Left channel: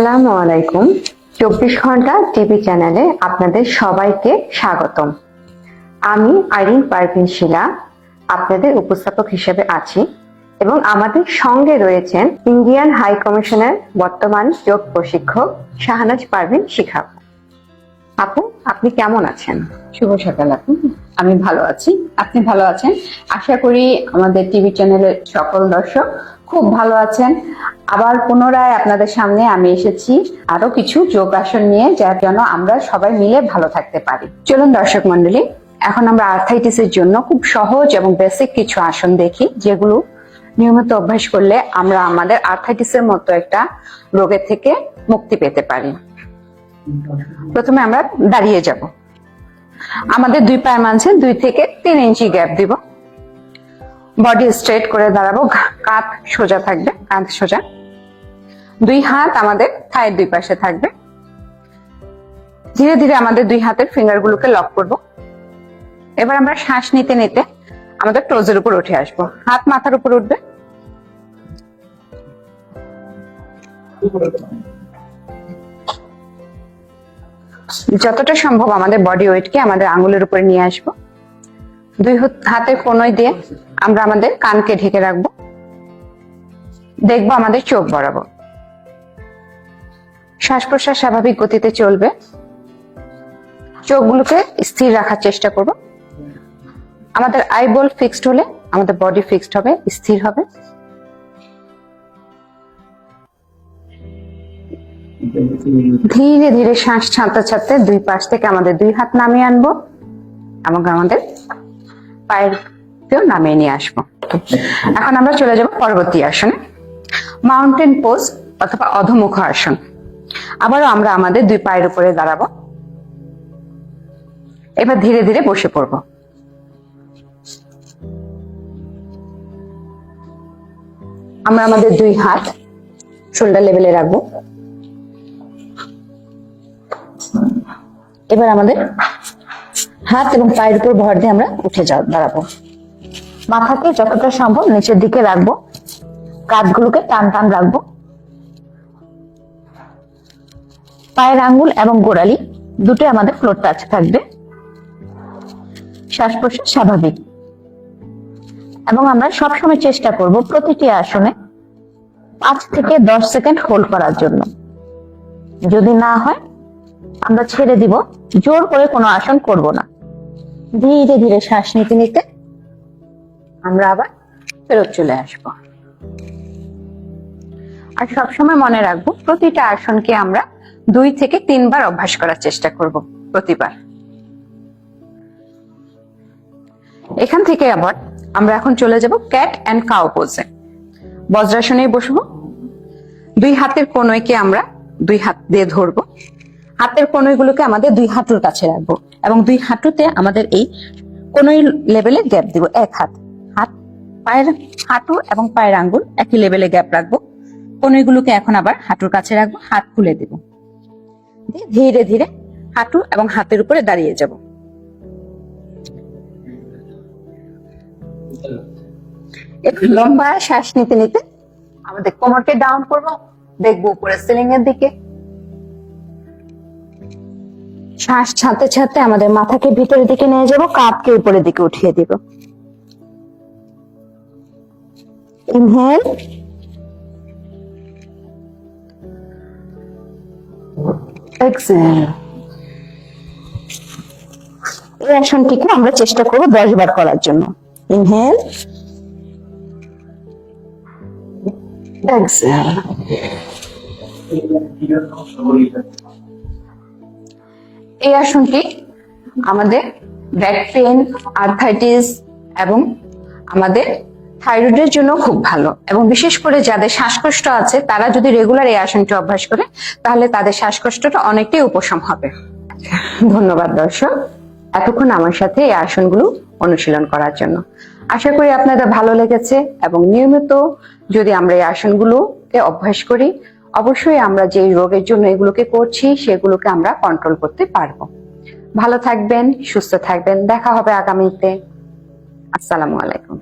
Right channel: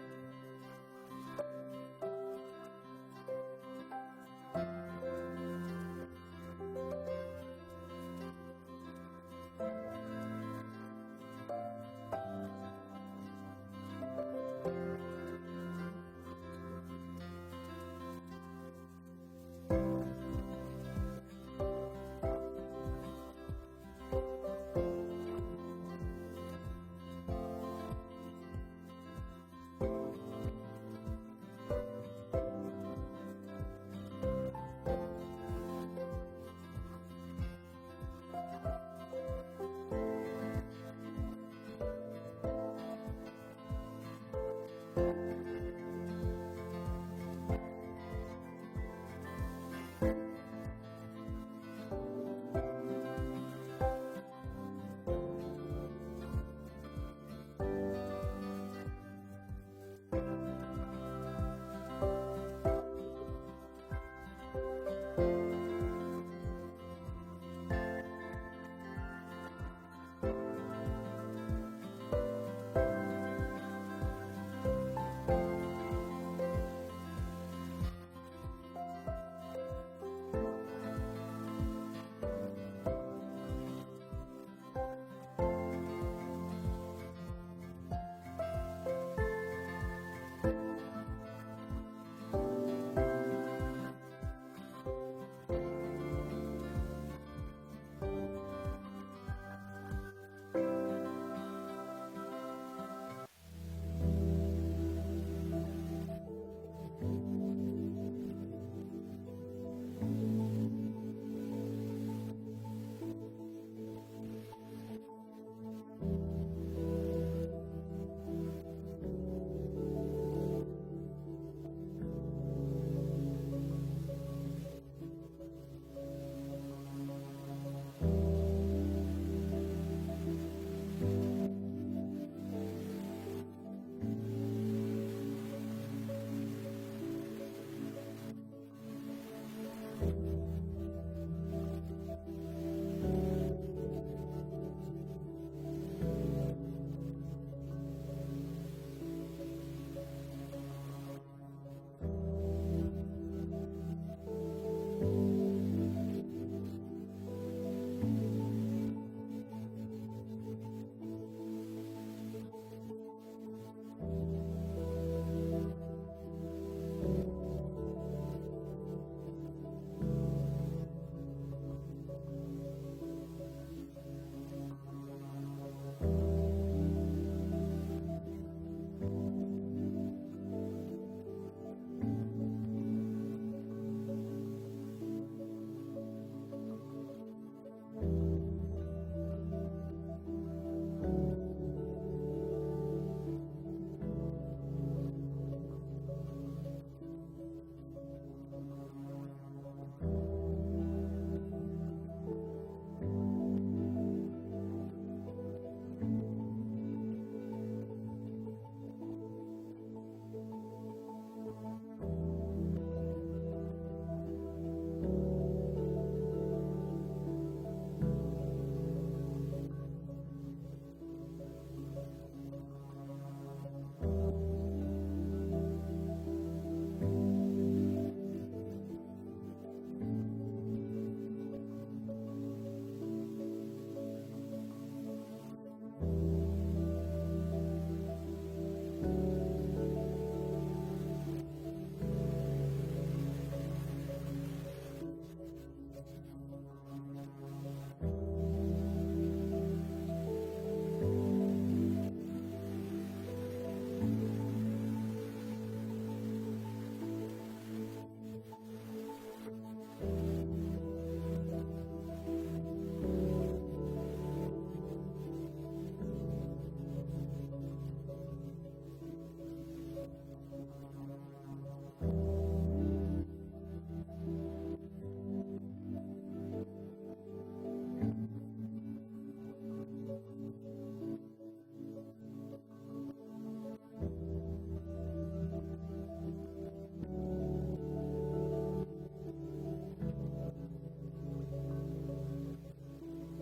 আসসালামু আলাইকুম। 24 ঘন্টা টিভি চ্যানেলে আপনাদের সবাইকে স্বাগতম। আমি আইরিন পারভিন শিলা আপনাদের উপস্থাপক হিসেবে আছি এবং আমাদের সঙ্গে রয়েছেন ইন্ডিয়ান হাই কমিশনের বর্তমান যোগ প্রশিক্ষক শাহনাজ পারভিন শিখা। আপু, আপনি কেমন আছেন? শুভ সকাল আপু। আমি ভালো আছি, আপনি ভালো আছেন? আশা করি আমাদের টিভি চ্যানেলের সকল দর্শক খুব ভালো আছেন। আবার পুনরায় আপনাদের সামনে আমি এসেছি আরো কিছু যোগাসন নিয়ে, যার জন্য আমরা সবাই মিলে ভালো থাকতে পারি। চলুন দর্শক মন্ডলী, এখন আমরা আর্থাইটিসের জন্য খুব সহজ এবং বেসিক কিছু আসন দেখি, যেগুলো নিয়মিত অভ্যাস করলে আমরা আমাদের আর্থাইটিসের মতো একটা রোগের থেকে মুক্তি পেতে পারি। প্রথমে আমরা দাঁড়িয়ে যাব। আমাদের দুই পায়ের মাঝে 2 থেকে 3 ইঞ্চি গ্যাপ দিব। বডি স্ট্রেট করে দাঁড়াবো, কাঁধ সোজা থাকবে, কাঁধ সোজা। 2 হাত আমাদের থায়ের দুই পাশে থাকবে। ধীরে ধীরে আমাদের 2 হাতের ফিঙ্গার গুলোকে লক করব। এবার আমরা শ্বাস নিতে নিতে আমাদের টোজের উপর উঠে আসবো। হাত মাথার উপর উঠবে। যতটা সম্ভব আমাদের বডি ওয়েটকে আমাদের আঙ্গুলের উপরে নিয়ে আসবো। 2 হাতের কোণয় দিয়ে আমরা আমাদের কানকে ঢেকে রাখবো। দেখবো আমাদের চোখ বরাবর। শ্বাস প্রশ্বাস স্বাভাবিক গতিতে চলবে। চোখগুলোকে স্থির রাখার চেষ্টা করব। আমাদের আইবল ফিক্সড হলে আমাদের বডি ফিক্সড হবে, স্থির হবে। ধীরে ধীরে শ্বাস ছাড়তে ছাড়তে 2 পাশ থেকে আমাদের 2 হাত নামিয়ে আনবো এবং আমাদের পায়ের কেও নামিয়ে নিয়ে আসবো। এখন আমরা চলে যাব পরবর্তী আসনে, মাউন্টেন পোজ অথবা অধোমুখ আসন। আবারও আমরা আমাদের 2 পায়ের উপরে দাঁড়াবো। এবার ধীরে ধীরে বসে পড়বো। আমরা আমাদের 2 হাত শোল্ডার লেভেলে রাখবো। এবার আমাদের হাত এবং পায়ের উপর ভর দিয়ে আমরা উঠে দাঁড়াবো। মাথাকে যতটা সম্ভব নিচের দিকে রাখবো, কাঁধগুলোকে টান টান রাখবো। পায়ের আঙ্গুল এবং গোড়ালি দুটো আমাদের ফ্লোর টাচ থাকবে। শ্বাস প্রশ্বাস স্বাভাবিক এবং আমরা সবসময় চেষ্টা করব প্রতিটি আসনে 5 থেকে 10 সেকেন্ড হোল্ড করার জন্য। যদি না হয় আমরা ছেড়ে দিব, জোর করে কোনো আসন করব না। ধীরে ধীরে শ্বাস নিতে নিতে আমরা আবার ফেরত চলে আসব। আর সবসময় মনে রাখবো প্রতিটা আসনকে আমরা 2 থেকে 3 বার অভ্যাস করার চেষ্টা করব প্রতিবার। এখান থেকে আবার আমরা এখন চলে যাব ক্যাট এন্ড কাউ পোজে। বজ্রাসনে বসবো। 2 হাতের কোণয়কে আমরা 2 হাত দিয়ে ধরবো। হাতের কোণয়গুলোকে আমাদের 2 হাঁটুর কাছে রাখবো এবং 2 হাঁটুতে আমাদের এই কোণয় লেভেলে গ্যাপ দিব। 1 হাত, পায়ের হাঁটু এবং পায়ের আঙ্গুল একই লেভেলে গ্যাপ রাখবো। কোণয়গুলোকে এখন আবার হাঁটুর কাছে রাখবো, হাত খুলে দেব। ধীরে ধীরে হাঁটু এবং হাতের উপরে দাঁড়িয়ে যাব। একটু লম্বা শ্বাস নিতে নিতে আমাদের কোমরকে ডাউন করবো, দেখবো উপরে সিলিং এর দিকে। শ্বাস ছাড়তে ছাড়তে আমাদের মাথাকে ভিতরের দিকে নিয়ে যাব, কাঁধকে উপরের দিকে উঠিয়ে দিব। Inhale, exhale. এই আসনটিকে আমরা চেষ্টা করব 10 বার করার জন্য। Inhale, exhale. এই আসনটি আমাদের ব্যাক পেন, আর্থাইটিস এবং আমাদের থাইরয়েডের জন্য খুব ভালো, এবং বিশেষ করে যাদের শ্বাসকষ্ট আছে তারা যদি রেগুলার এই আসনটি অভ্যাস করে তাহলে তাদের শ্বাসকষ্টটা অনেকটাই উপশম হবে। ধন্যবাদ দর্শক, এতক্ষণ আমার সাথে এই আসনগুলো অনুশীলন করার জন্য। আশা করি আপনাদের ভালো লেগেছে এবং নিয়মিত যদি আমরা এই আসনগুলোকে অভ্যাস করি, অবশ্যই আমরা যে রোগের জন্য এগুলোকে করছি সেগুলোকে আমরা কন্ট্রোল করতে পারবো। ভালো থাকবেন, সুস্থ থাকবেন। দেখা হবে আগামীতে। আসসালামু আলাইকুম।